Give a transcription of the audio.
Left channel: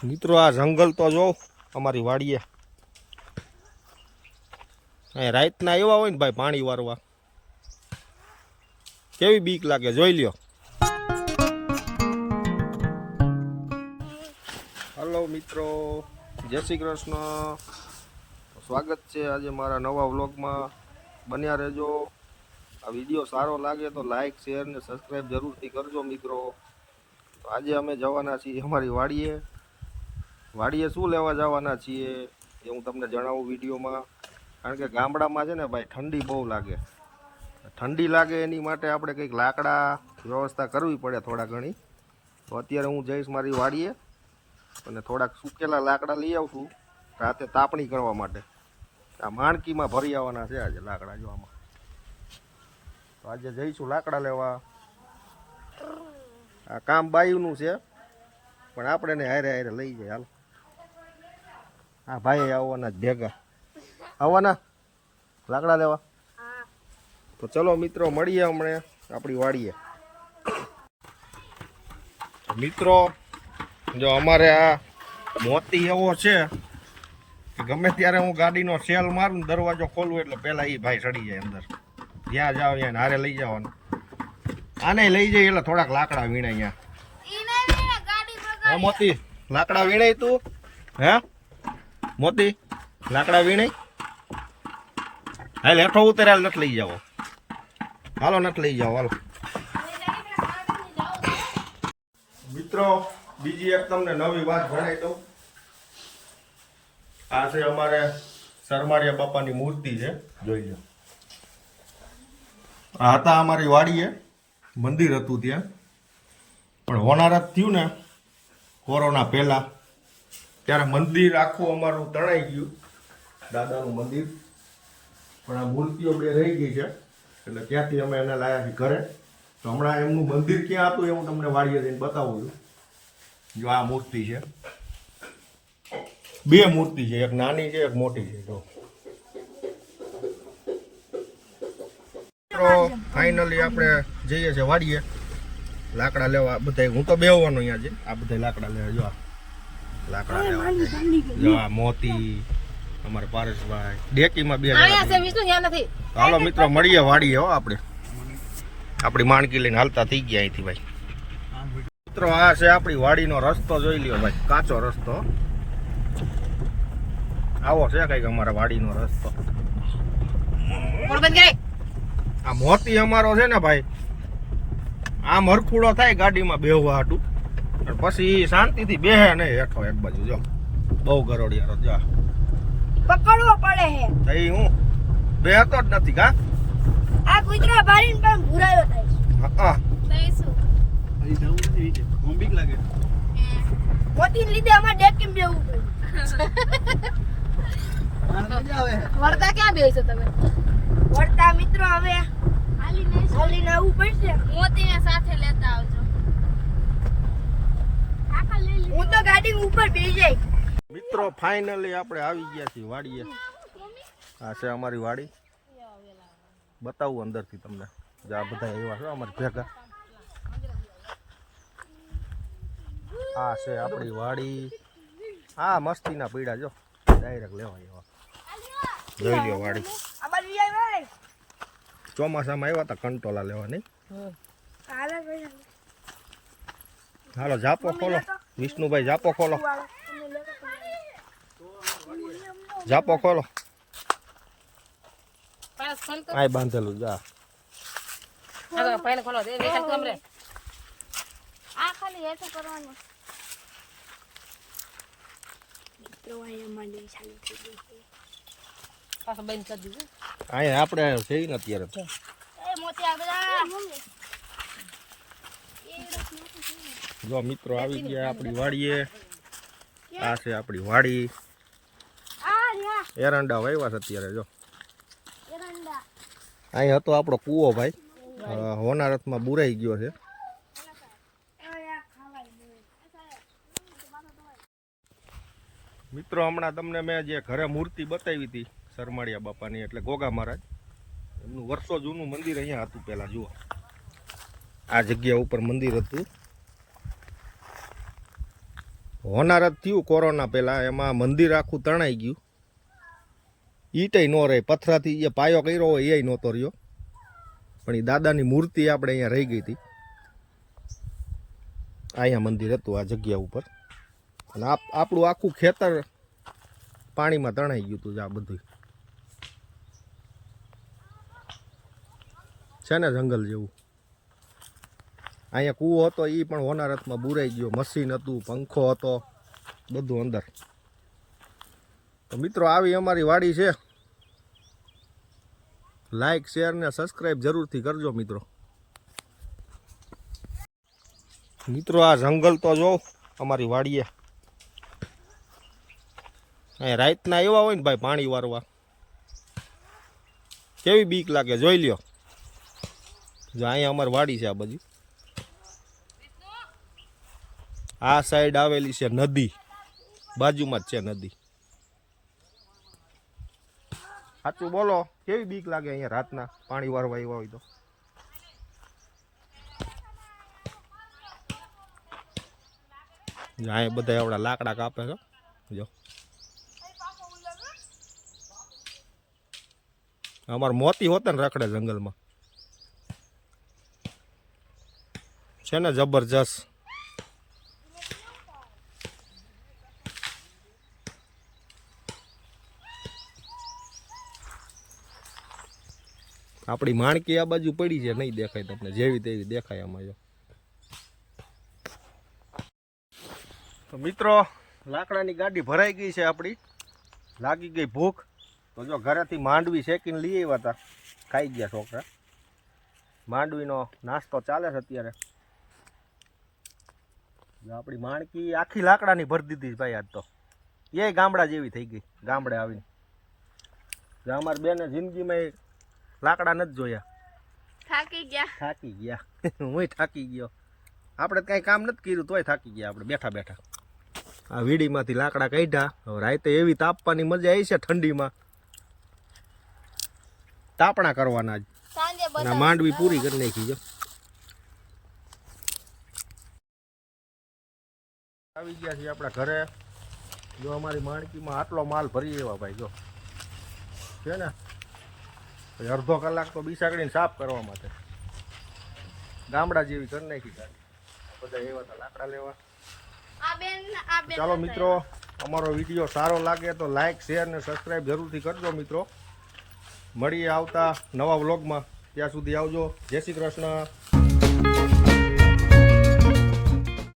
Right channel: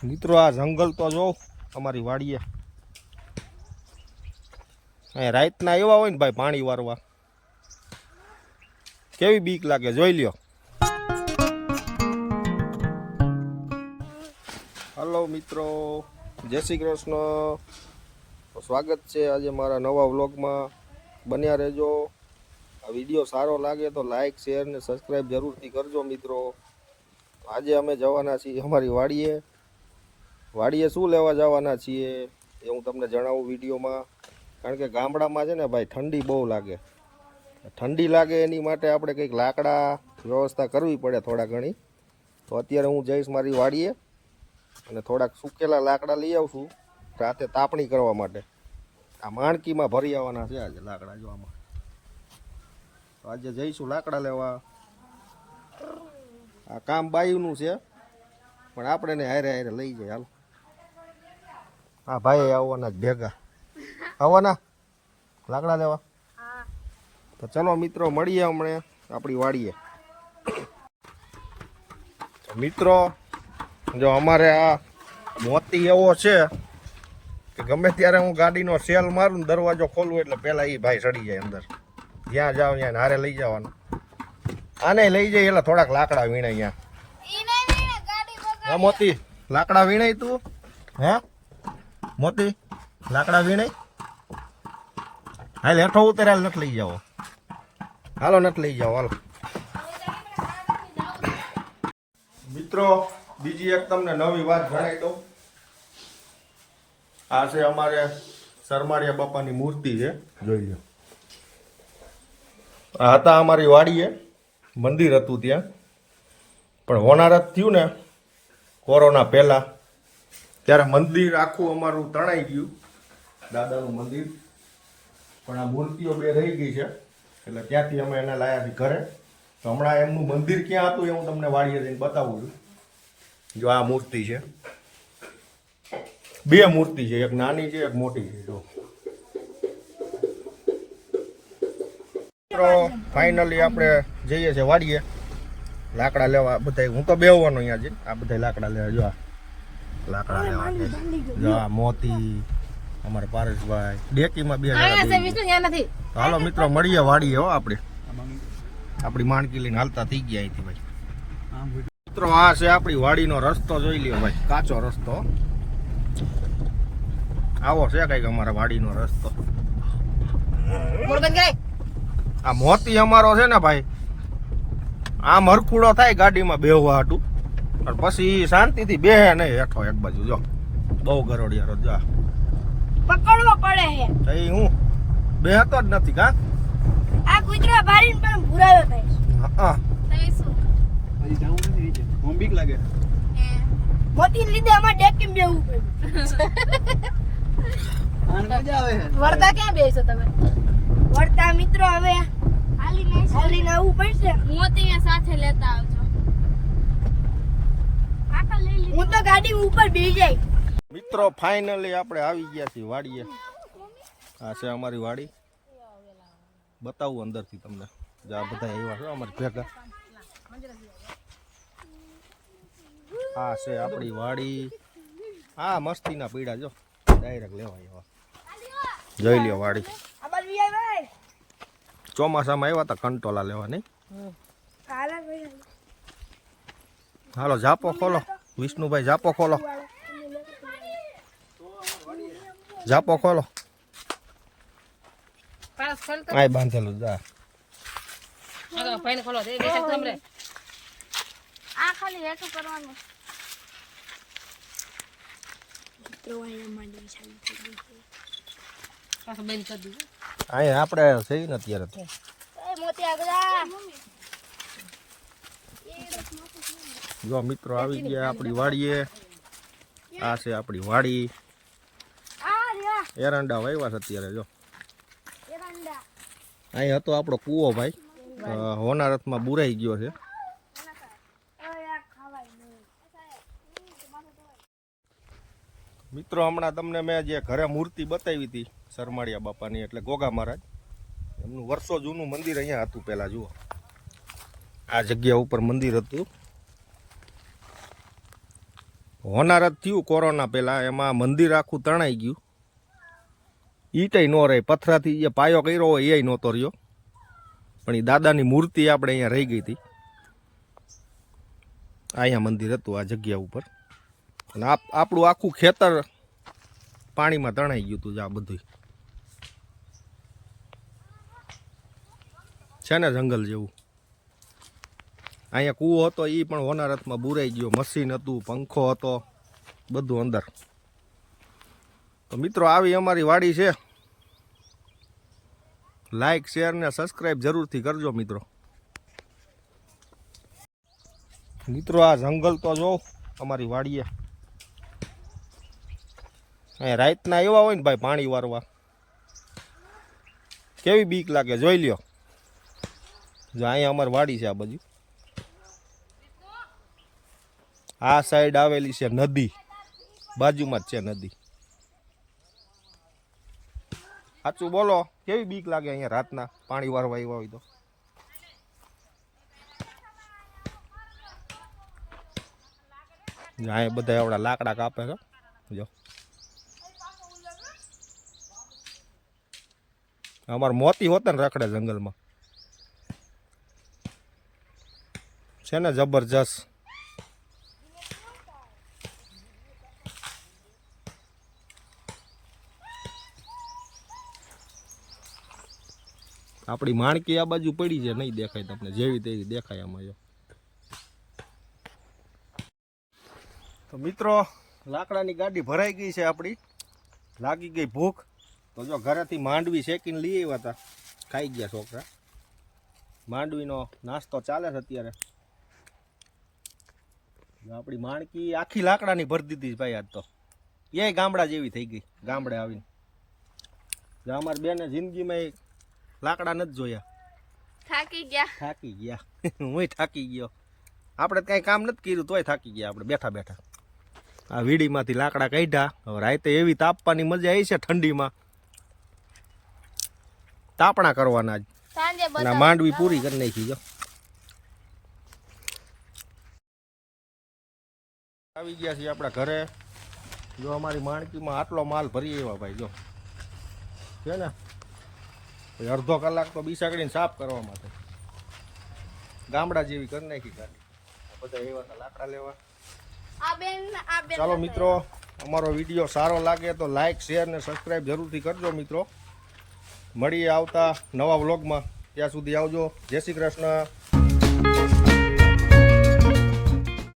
મિત્રો આ જંગલ તો જો અમારી વાડીએ અહીંયા રાતના એવા હોય ને ભાઈ પાણી વારવા કેવી બીક લાગે જોઈ લ્યો. હલો મિત્રો, જય શ્રી કૃષ્ણ. તો સ્વાગત છે આજે મારા નવા વ્લોગમાં. બન્યા રહેજો. આ વિડીયો સારો લાગે તો લાઈક શેર ને સબસ્ક્રાઈબ જરૂરથી કરજો મિત્રો. તો આજે અમે જવાના છીએ અમારી વાડીએ શું લેવા જવાના છીએ એ હું તમને જણાવું વિડીયોમાં. કારણ કે ગામડામાં છે ને ભાઈ ઠંડી બહુ લાગે. ઠંડી લાગે એની માટે આપણે કંઈક લાકડા વ્યવસ્થા કરવી પડે થોડા ઘણી. તો અત્યારે હું જઈશ મારી વાડીએ અને થોડાક સુકેલા લાકડા લઈ આવશું રાતે તાપણી કરવા માટે. આ માણકીમાં ભરી આવવાના છે આજે લાકડા જોવામાં. તો આજે જઈશું લાકડા લેવા. આ કામ બાયુનું છે પણ આપણે ને હારે હારે લઈ જાય. હાલો, હા ભાઈ આવવાના જ ભેગા આવવાના લાકડા લેવા. તો ચલો મિત્રો મળીએ હમણાં આપણી વાડીએ. મિત્રો જો અમારે આ મોતી એવો છે કે ગમે ત્યારે હું ગાડીનો સેલ મારું દરવાજો ખોલવું એટલે પહેલાં એ ભાઈ ચડી જાય અંદર. જ્યાં જાઓ ત્યાં હારે લઈ જવાનું. આને લઈ જાય એટલે થોડાક લાકડા વીણાય. અહીંયા હા મોતી લાકડા વીણાય તું હે મોતી લાકડા વીણાય. હાલ હેઠો ઉતરે હાલ નથી લઈ જાઓ. હાલો નથી લઈ જાઓ હાલો. મિત્રો બીજી એક તમને નવી વાત જણાવી દઉં. આ છે અમારે સરમાળિયા બાપાની મૂર્તિ છે, જોઈ લો. આ હતા અમારી વાડીએ મંદિર હતું ત્યાં, પણ હોનારત થયું ને કોરોના પહેલાં ત્યારે મંદિર આખું અમારું તણાઈ ગયું, દાદાનું મંદિર. પણ આ મૂર્તિઓ બે રહી ગઈ છે એટલે ત્યાંથી અમે એને લાવ્યા છીએ ઘરે. તો હમણાં એમનું મંદિર ક્યાં હતું એ હું તમને વાડીએ જઈને બતાવું છું. જો આ મૂર્તિ છે, બે મૂર્તિ છે, એક નાની છે એક મોટી છે. જો ફાઇનલી આપણે જઈએ છીએ વાડીએ લાકડા લેવા. બધા હું તો બેહવાનો અહીંયા છે. આ બધા લાકડા લેવા. જો આ લાકડા લેવા. જો આ મોતી અમારા પારેશભાઈ ડેકીમાં બે જણા. હાલો મિત્રો મળીએ વાડીએ. હો આપણે આપણી માણકી લઈને હાલતા થઈ ગયા અહીંથી ભાઈ. મિત્રો આ છે આપણી વાડીનો રસ્તો, જોઈ લ્યો ભાઈ, કાચો રસ્તો. આવો છે કઈક અમારા વાડીનો રસ્તો. આ મોતી અમારો છે ને ભાઈ, આમ હરખુડો થાય ગાડીમાં બેહવા હાટું, પછી શાંતિથી બેહે નહીં હેઠો એક બાજુ. જો બહુ ગરોડિયારો. જો પકડવો પડે છે. એ હું બેહતો જ નથી. કા આ કૂતરો બારીને પણ ભૂરાયો થાય. હા તો હજી જાવું નથી વિશે. મને બીક લાગે. મોતીને લીધે અમારે ડેકીમાં બેહવું પડ્યું. આને મજા આવે છે. વરદા ક્યાં બેસો તમે? વરદા મિત્રો હવે હાલીને આવવું પડશે. મોતીને સાથે લેતા આવજો. હું તો ગાડી ઉપર બેસી જાય. મિત્રો ફાઇનલી આપણે આવી ગયા છીએ વાડીએ. આ છે અમારી વાડી. બતાવું અંદરથી તમને. આ બધા એવા છે અમારી ભેગા. આ છે આપણી વાડી. હા મસ્તીના પીડા જો ડાયરેક્ટ લેવાય એવા. જોઈ લ્યો વાડી. ચોમાસામાં આવ્યા હતા કંટોલા લેવા. નહીં હાલો જાપો ખોલો વિષ્ણુભાઈ, જાપો ખોલો, જાપો ખોલો. આ બાંધેલું જા. અહીંયા આપણે સહી ને અત્યારે જો મિત્રો આવી ગયા આપણી વાડીએ. આ છે આપણી વાડી. એરંડા વાવ્યા છે અત્યારે. જો અહીં હતો આપણો કૂવો ભાઈ, હોનારતમાં બુરાઈ ગયો છે. મિત્રો હમણાં તમને મેં જે ઘરે મૂર્તિ બતાવી હતી સરમાળિયા બાપાની, એટલે ગોગા મહારાજ, એમનું વર્ષો જૂનું મંદિર અહીંયા હતું પહેલાં. જુઓ આ જગ્યા ઉપર મંદિર હતું. હોનારત થયું કોરોના પહેલાં, એમાં મંદિર આખું તણાઈ ગયું. ઈટય ન રહે, પથરાથી જે પાયો કર્યો હોય એ નહોતો રહ્યો, પણ એ દાદાની મૂર્તિ આપણે અહીંયા રહી ગઈ હતી. અહીંયા મંદિર હતું આ જગ્યા ઉપર, અને આપણું આખું ખેતર પાણીમાં તણાઈ ગયું હતું. આ બધું છે ને જંગલ જેવું. અહીંયા કૂવો હતો એ પણ હોનારતમાં બુરાઈ ગયો. મશીન હતું, પંખો હતો, બધું અંદર. તો મિત્રો આવી અમારી વાડી છે. લાઈક શેર ને સબસ્ક્રાઈબ જરૂરથી કરજો મિત્રો. મિત્રો આ જંગલ તો જો અમારી વાડીએ. અહીંયા રાતના એવા હોય ને ભાઈ પાણી વારવા, કેવી બીક લાગે જોઈ લ્યો. જો અહીંયા અમારી વાડી છે. આ બાજુ આ સાઈડ આવેલી છે નદી, બાજુમાં જ છે નદી. સાચું બોલો, કેવી બીક લાગે અહીંયા રાતના પાણી વારવા આવ્યા હોય તો. અહીંયા બધા એવડા લાકડા કાપે છે. જો અમારે મોતી હોતા ને રખડે જંગલમાં, છે ને જબરજસ્ત. આપણી માણકી આ બાજુ પડી છે, નહીં દેખાય તમને, જેવી તેવી દેખાય આમાં. જો તો મિત્રો લાકડાની ગાડી ભરાઈ ગઈ છે આપણી. લાગી ગઈ ભૂખ, તો જો ઘરેથી માંડવી શેકીને લઈ આવ્યા હતા, ખાઈ ગયા છોકરા. માંડવીનો નાસ્તો ચાલે છે અત્યારે. જો આપણી માણકી આખી લાકડાની ભરી દીધી ભાઈ આજ તો. એ ગામડા જેવી થઈ ગઈ ગામડે આવીને. જો અમારી બેને જિંદગીમાં લાકડા નથી જોયા. થાકી ગયા હું થાકી ગયો. આપણે કઈ કામ નથી કર્યું તોય થાકી ગયા આપણે બેઠા બેઠા. આ વીડીમાંથી લાકડા કાઢ્યા. હવે રાતે એવી તાપવાની મજા આવી છે ઠંડીમાં, તાપણા કરવાના જ. અને માંડવી પૂરી કરી નાખી. જો આવી ગયા છીએ આપણા ઘરે. જો અમારી માણકીમાં આટલો માલ ભરી એવા ભાઈ. જો છે ને અડધો કલાક તો બીસાકડીને સાફ કરવા માટે ગામડા જેવી કરી નાખી ગાડી. બધા એવા હતા લાકડા લેવા. ચાલો મિત્રો, અમારો વિડીયો સારો લાગે તો લાઈક શેર ને સબસ્ક્રાઈબ જરૂરથી કરજો મિત્રો. મળીએ આવતા નવા વ્લોગમાં. ત્યાં સુધી આવજો. જય શ્રી કૃષ્ણ.